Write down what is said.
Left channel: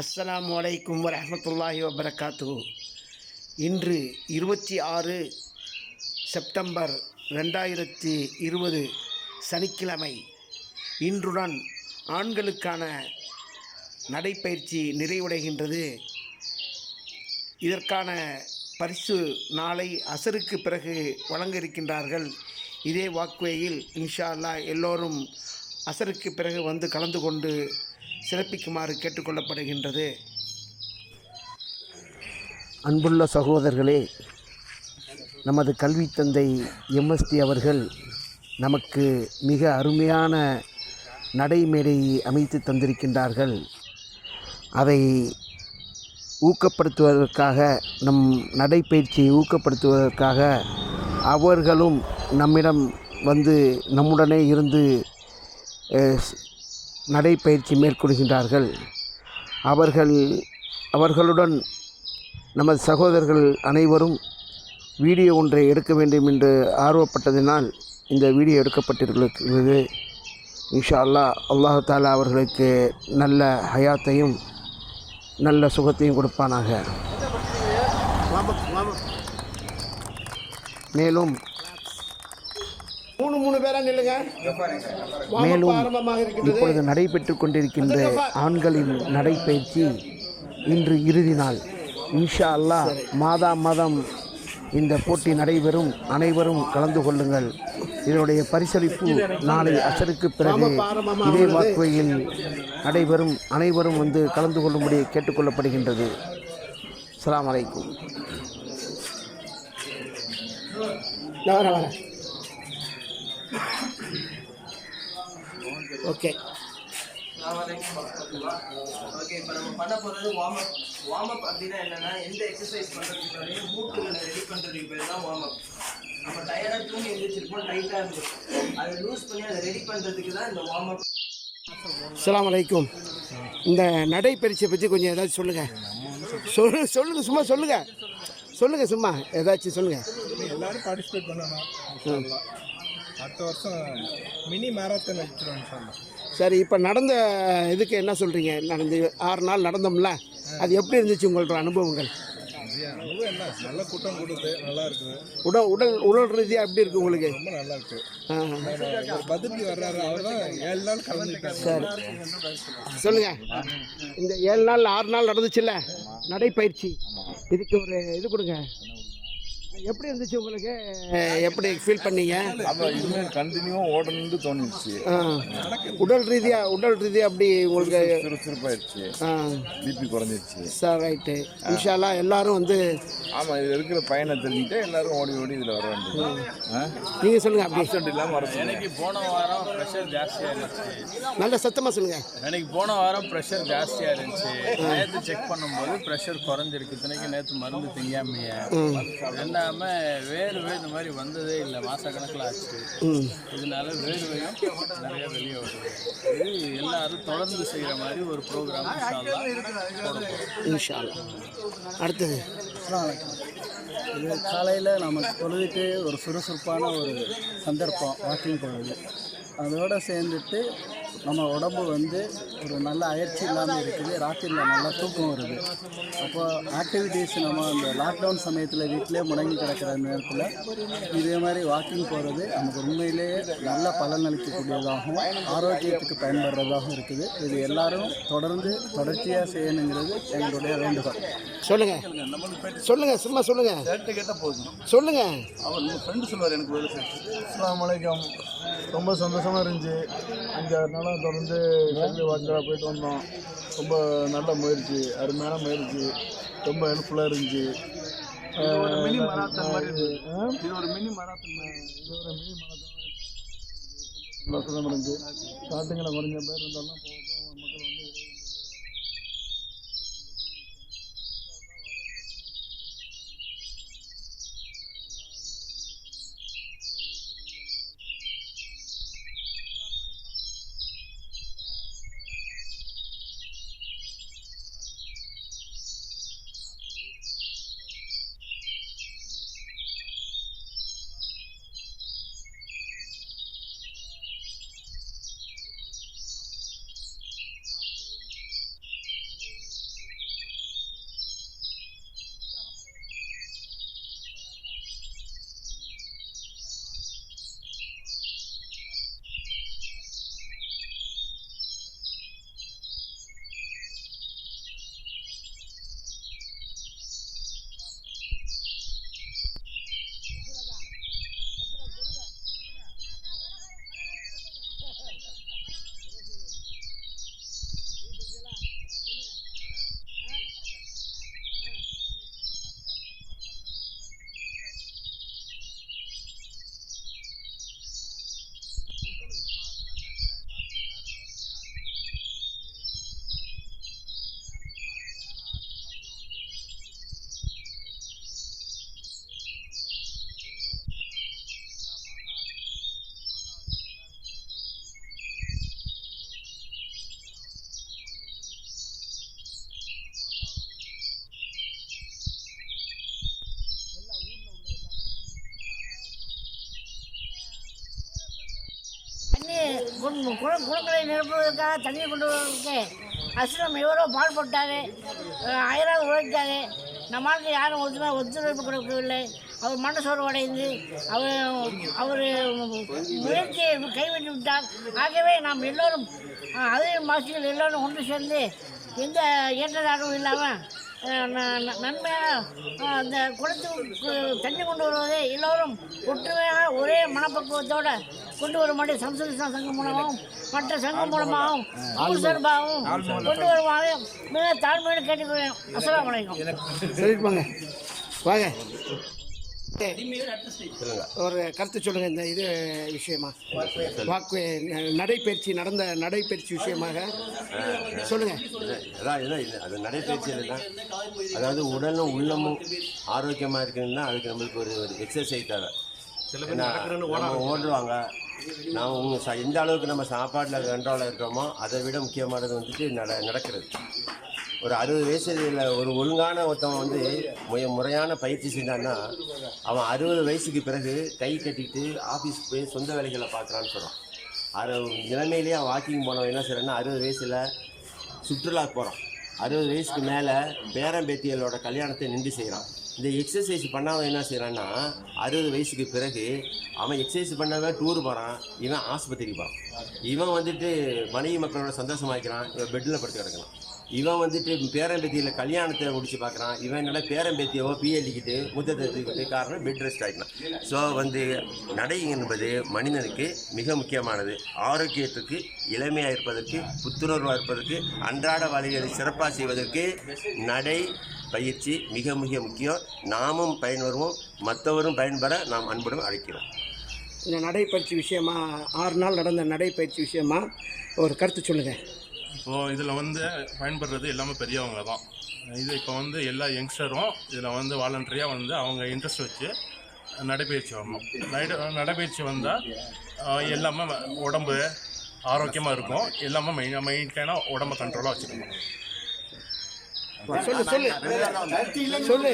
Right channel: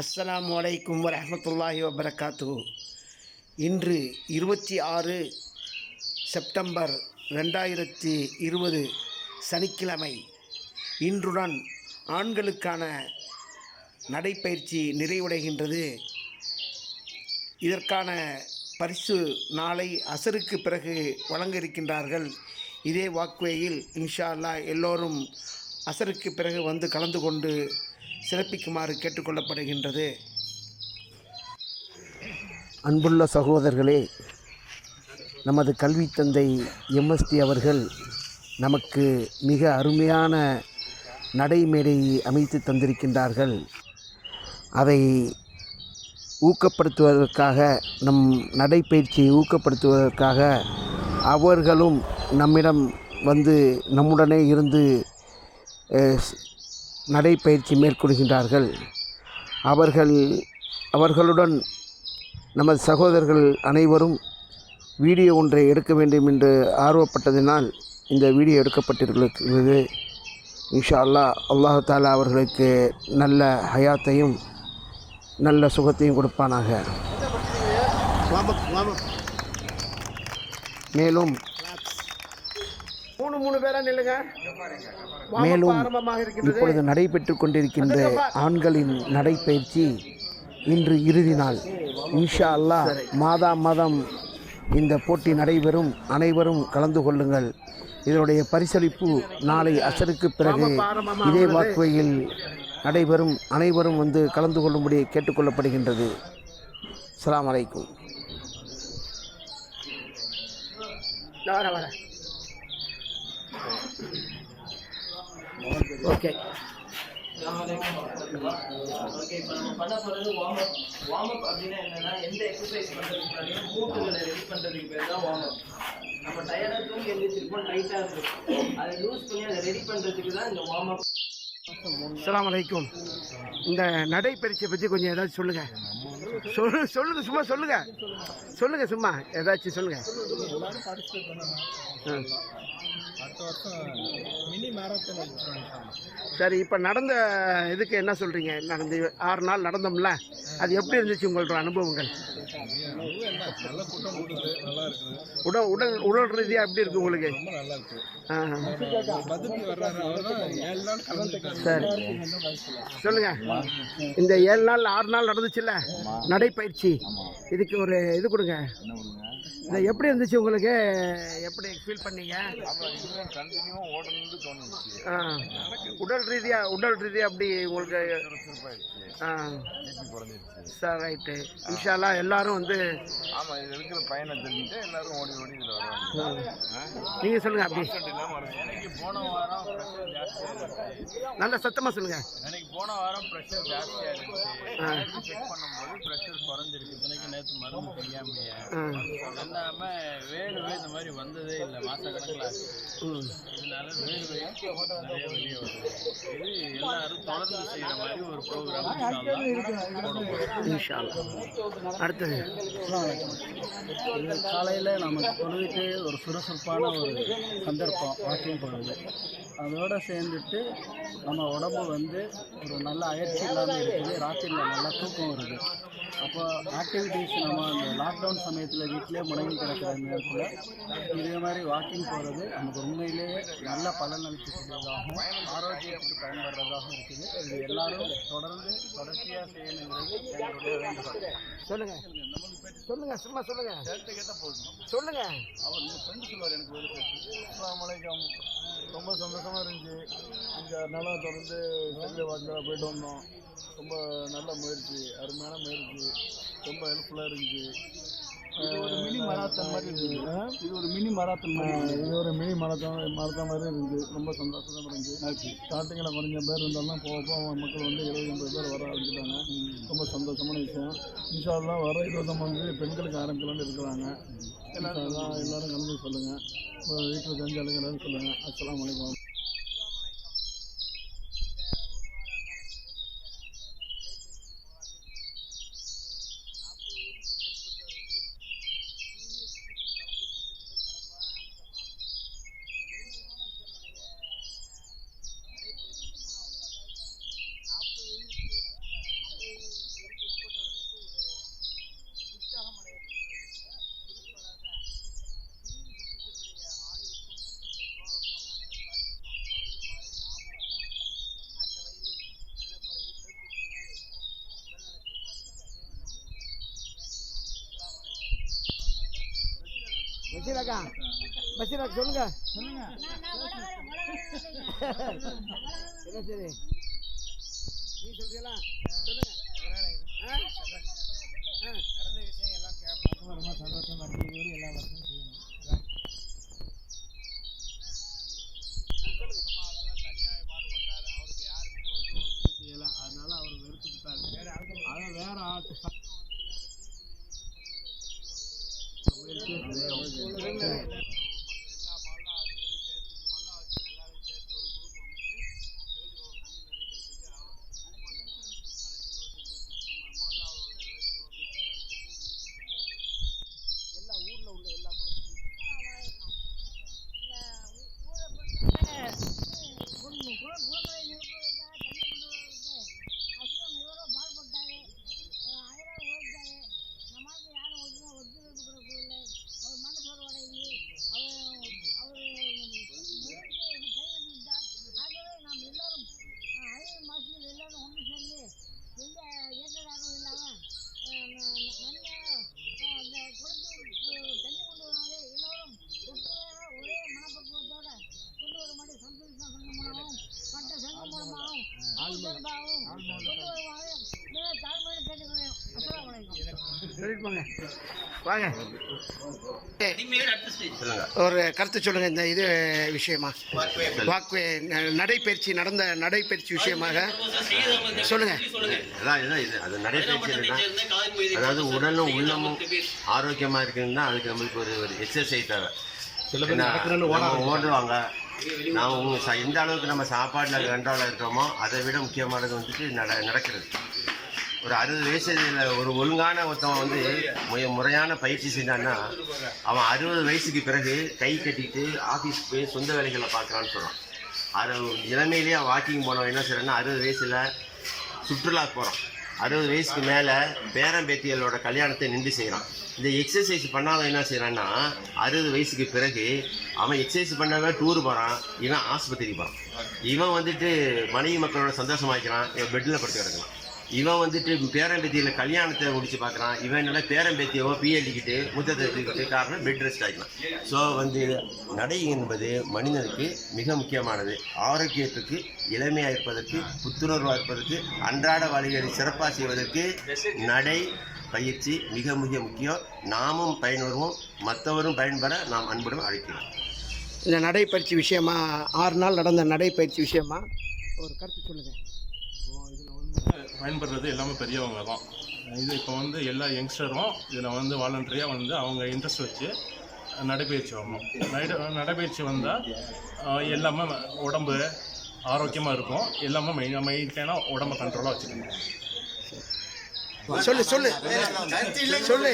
அஸ்ஸலாமு அலைக்கும் வரஹ்மத்துல்லாஹி வபரகாத்துஹு. இன்று 26 செப்டம்பர் 2020 சனிக்கிழமை. இன்றுடன் ஆண்களுக்கான நடைப்பயிற்சி நிறைவடைகின்றது. இதற்கான பரிசு நாளை அசருக்கு பிறகு வழங்க இருக்கின்றார்கள். இதே வாக்வேயில் இன்ஷா அல்லாஹ் எல்லோரும் அசருக்கு பிறகு வந்து கலந்து கொண்டு சிறப்பிக்குமாறு கேட்டுக்கொள்ளப்படுகின்றது. அன்புள்ள சகோதரர்களே, நமது கல்வி தந்தை எம்எஸ்டி அவர்கள் நமக்கு மிக அருமையான நடைமேடையை அமைத்து தந்திருக்கின்றார்கள். அதை ஊக்கப்படுத்துவதற்காக, நம் நடைப்பயிற்சியை ஊக்கப்படுத்துவதற்காக அவர்களும் நம்மிடம் வந்து நம்முடனே இருந்து நடைப்பயிற்சி மேற்கொள்கின்றார்கள். அவர்களுடன் நமது சகோதரர்கள் அனைவரும் வீடியோ ஒன்றை எடுக்க வேண்டும் என்று ஆர்வப்பட்டதினால் இந்த வீடியோ எடுக்கப்பட்டிருக்கிறது. இன்ஷா அல்லாஹ் அல்லாஹ் தஆலா அவர்களுக்கு நல்ல ஹயாத்தையும் நல்ல சுகத்தையும் கொடுப்பானாக. மேலும் இப்பொழுது நடைபெற்று கொண்டிருக்கின்ற ஆண்களின் நடைப்பயிற்சி இன்று இறுதி நாள். இன்ஷா அல்லாஹ் மாதம் இந்த போட்டி நடைபெறும். அனைவரும் கலந்து கொள்ளுங்கள். இதனுடைய பரிசளிப்பு நாளை அசருக்கு பிறகு இதே வாக்குவையில் நடைபெறும். அனைவரும் வந்து கலந்து கொள்ளும்படி கேட்டுக்கொள்ளப்படுகின்றது. அஸ்ஸலாமு அலைக்கும். ஓகே, இப்போ நம்ம பண்ண போகிறது வார்ம் அப் அப்படின்னா என்னன்னா, எந்த எக்ஸசைஸ் பண்ணுறதுக்கு முன்னாடியும் மூட்டுகளை ரெடி பண்ணுறதுக்கு பேர் தான் வார்ம் அப். நம்ம டயர்டாக தூங்கி எழுந்திரிச்சிருப்போம், டைட்டாக இருக்கும், அதை லூஸ் பண்ணி அதை ரெடி பண்ணுறதுக்கு தான் இந்த வார்ம் அப். அஸ்ஸலாமு அலைக்கும். இந்த நடைப்பயிற்சியை பற்றி கொஞ்சம் ஏதாச்சும் சொல்லுங்கள். சொல்லுங்கள், சும்மா சொல்லுங்கள், சும்மா ஏதாச்சும் சொல்லுங்கள். எல்லாரும் பார்ட்டிசிபேட் பண்ணணும். அடுத்த வருஷம் மினி மேரத்தான் வச்சுருவாங்க. சரி, இப்போ நடந்த இதுக்கு என்ன சொல்கிறீங்க? நடந்து 6 நாள் நடந்தோம்ல, அது எப்படி இருந்துச்சு உங்களோட அனுபவங்கள்? நல்ல கூட்டம் கூடுது, நல்லா இருக்குது. உடல் ரீதியாக எப்படி இருக்குது உங்களுக்கு? ரொம்ப நல்லா இருக்குது. பதுக்கி வர்றாரு, அவர் தான் 7 நாள் கலந்துருக்காரு. சரி, சொல்லுங்கள். இந்த 7 நாள் 6 நாள் நடந்துச்சுல்ல நடைப்பயிற்சி, இதுக்கு ஒரு இது கொடுங்க. எப்படி இருந்துச்சு உங்களுக்கு? எப்படி ஃபீல் பண்ணீங்க? கண்டினியூவாக ஓடணும்னு தோணுச்சு. உடல் ரீதியாக அப்படி உங்களுக்கு சுறுசுறுப்பாயிடுச்சு, பிபி குறைஞ்சிருச்சு. Sir, right. இன்ஷா அல்லாஹ் எல்லாரும் வந்து ஆமாம், இது இருக்கிற பயனை தெரிஞ்சுட்டு எல்லாரும் ஓடி இதில் வர வேண்டியது. நீங்கள் சொல்லுங்கள். அப்படி இல்லாமல் வர. எனக்கு போன வாரம் ப்ரெஷர் ஜாஸ்தியாக இருந்துச்சு. நல்ல சத்தமாக சொல்லுங்கள். எனக்கு போன வாரம் ப்ரெஷர் ஜாஸ்தியாக இருந்துச்சு. நேற்று செக் பண்ணும்போது ப்ரெஷர் குறைஞ்சிருக்கு. இத்தனைக்கு நேற்று மருந்து திங்காமையே இல்லாமல் வேர்வை இந்த மாதிரி வந்ததே இல்லை. மாதக்கணக்கில் ஆச்சு. இதனால வேர்வையும் நிறைய வெளியே வருது. இது எல்லாரும் தொடர்ந்து செய்கிற மாதிரி ஒரு ப்ரோக்ராம் இன்ஷா அல்லாஹ். அடுத்தது இது காலையில் நம்ம பொழுதுக்கு ஒரு சுறுசுறுப்பான ஒரு சந்தர்ப்பம் வாக்கிங் போகிறது. அதோடு சேர்ந்துட்டு நம்ம உடம்பு வந்து ஒரு நல்ல அயற்சி இல்லாமல் இருக்குது. ராத்திரியில் நல்லா தூக்கம் வருது. அப்போ ஆக்டிவிட்டீஸ் நம்ம அந்த லாக்டவுன் சமயத்தில் வீட்டிலே முடங்கி கிடக்கிற நேரத்தில் இதே மாதிரி வாக்கிங் போகிறது நமக்கு உண்மையிலேயே நல்ல பலன் அளிக்கக்கூடியதாகவும் ஆரோக்கியத்துக்கு பயன்படுறதாகவும் இருக்குது. இது எல்லாரும் தொடர்ச்சியாக செய்யணுங்கிறது எங்களுடைய வேண்டுகோள். சொல்லுங்கள், சும்மா சொல்லுங்கள். கேட்டால் போதும், சொல்லுங்கள். அவர் உங்கள் ஃப்ரெண்டு சொல்லுவார். எனக்கு வேலை செய்யுது. அஸ்ஸலாமு அலைக்கும். ரொம்ப சந்தோஷமாக இருந்துச்சு. 5-6 நாளாக தொடர்ந்து சைக்கிள் வாக்கில் போயிட்டு வந்தோம். ரொம்ப நல்ல முயற்சி, அருமையான முயற்சி, ரொம்ப ஹெல்ப்ஃபுல்லாக இருந்துச்சு. இது ஒரு மினி மராத்தான் மாதிரி இருந்துச்சு. இது ஒரு மினி மராத்தான் மாதிரி இருந்துச்சு. ரொம்ப சந்தோஷமாக இருந்துச்சு. ஸ்டார்டிங்கில் கொஞ்சம் பேர் இருந்தாலும் போக மக்கள் வந்து 70-80 பேர் வர ஆரம்பிச்சிட்டாங்க. ரொம்ப சந்தோஷமான விஷயம். இன்ஷா அல்லாஹ் வர 29 பெண்களுக்கு ஆரம்பிக்கலான்னு இருக்கிறாங்க. எல்லாரும் கலந்து சொல்லுங்கள். வீட்டில் தெரிஞ்ச எல்லாரும் சொல்லுங்கள். அஸ்ஸலாமு அலைக்கும். பஷீராக்கா பஷீராக்கா சொல்லுங்க என்ன சரி நீ சொல்றீங்களா சொல்லுங்க ஆ? ஆ. ரொம்ப சந்தோஷமா இருக்கு இது எல்லா வருஷமும் செய்யணும் அதனால அவர் வெறுத்துட்டாரு. அதை வேற ஆட்டு குளங்களை நிரப்புவதற்காக தண்ணீர் கொண்டு வருவதற்கு அஸ்ரம் எவ்வளோ பாடுபட்டார், அயராக உழைத்தார். நம்மளுக்கு யாரும் ஒத்துழைப்பு கொடுக்கவில்லை. அவர் மனசோர்வு அடைந்து அவர் முயற்சியை கைவிட்டு விட்டார். ஆகவே நாம் எல்லோரும் அதே மாசிகள் எல்லோரும் ஒன்று சேர்ந்து எந்த ஏற்றதாகவும் இல்லாமல் நன்மையாக அந்த குளத்துக்கு தண்ணி கொண்டு வருவதை எல்லோரும் ஒற்றுமையாக ஒரே மனப்பக்குவத்தோடு கொண்டு வரும்படி சம்ஸ்கிருத சங்கம் மூலமாகவும் மற்ற சங்கம் மூலமாகவும் ஊர் சார்பாகவும் கொண்டு வருமாறு மிக தாழ்மையோடு கேட்டுக்கொள்கிறேன். அஸ்ஸலாமு அலைக்கும். சொல்லிருப்பாங்க வாங்க ஒரு கருத்து சொல்லுங்க இந்த இது விஷயமா வாக்கு நடைபயிற்சி நடந்த நடைபயிற்சி விஷயமாக சொல்லுங்க. அது நடைபயிற்சி அதாவது உடலும் உள்ளமும் ஆரோக்கியமாக இருக்குன்னா அதுக்கு நம்மளுக்கு ஒரு எக்ஸசைஸ் தேவை. ஓடுவாங்க நாம் எந்த அளவுக்கு நம்ம சாப்பாட்டில் கண்ட்ரோலாக இருக்கிறோமோ அதை விட முக்கியமானது வந்துட்டு நடக்கிறது. ஒரு 60 வயசுல ஒரு ஒழுங்கான ஒருத்தவன் வந்து முறையான பயிற்சி செஞ்சான்னா அவன் 60 வயசுக்கு பிறகு கை கட்டிட்டு ஆஃபீஸ்க்கு போய் சொந்த வேலைகளை பார்க்குறான்னு சொல்கிறான். இளமையிலேயே அவன் வாக்கிங் போனவன் என்ன செய்கிறான்னா 60 வயசில் சுற்றுலா போகிறான். 60 வயசுக்கு மேலே பேரம்பேத்திகளோட கல்யாணத்தை நின்று செய்கிறான். இந்த எக்ஸசைஸ் பண்ணாமல் என்ன செய்கிறான்னா 60 வயசுக்கு பிறகு அவன் எக்ஸசைஸ் பண்ணாமல் டூர் போகிறான், இவன் ஆஸ்பத்திரி போகிறான். இவன் வந்துட்டு மனைவி மக்களோட சந்தோஷமாக்கிறான், இவன் பெட்டில் படுத்து கிடக்கிறான். இவன் வந்துட்டு பேரம்பேத்தியில் கல்யாணத்தை முடிச்சு பார்க்குறான், இவன் என்னோட பேரம்பேத்தியவோ பிஎல்டிக்கிட்டு முத்தத்தை எடுத்துக்கிட்டு காரணம் பெட் ரெஸ்ட் ஆகிக்கலாம். ஸோ நடை என்பது மனிதனுக்கு மிக முக்கியமானது. ஆரோக்கியத்துக்கு, இளமையாக இருப்பதற்கு, புத்துணர்வாக இருப்பதற்கு, அன்றாட வாழ்க்கையை சிறப்பாக செய்வதற்கு நடை பயிற்சி மிக மிக முக்கியம். நாமும் பயன்பெறுவோம், மற்றவரும் பயன்பெற நாம் அன்புடன் அழைக்கிறோம். இந்த நடைப்பயிற்சி விஷயமா 6 நாள் நடந்த நடைப்பயிற்சி விஷயமா ஒரு கருத்து சொல்லுங்கள். இப்போது இதில் பயன்படுறது எல்லாமே பெரியவங்க தான். இது இப்போ எல்லா யங்ஸ்டரும் இதில் வாலண்டரியாக அவங்க இன்ட்ரெஸ்ட் வச்சு நடைபயிற்சி வரணும். நடைபயிற்சி வந்தால் எல்லாமே உடம்பு ஆரோக்கியமாக இருக்கும். எல்லாமே மெயின்டைனாக உடம்பை கண்ட்ரோலாக வச்சுக்கணும். சொல்லு சொல்லு சொல்லு சொல்லு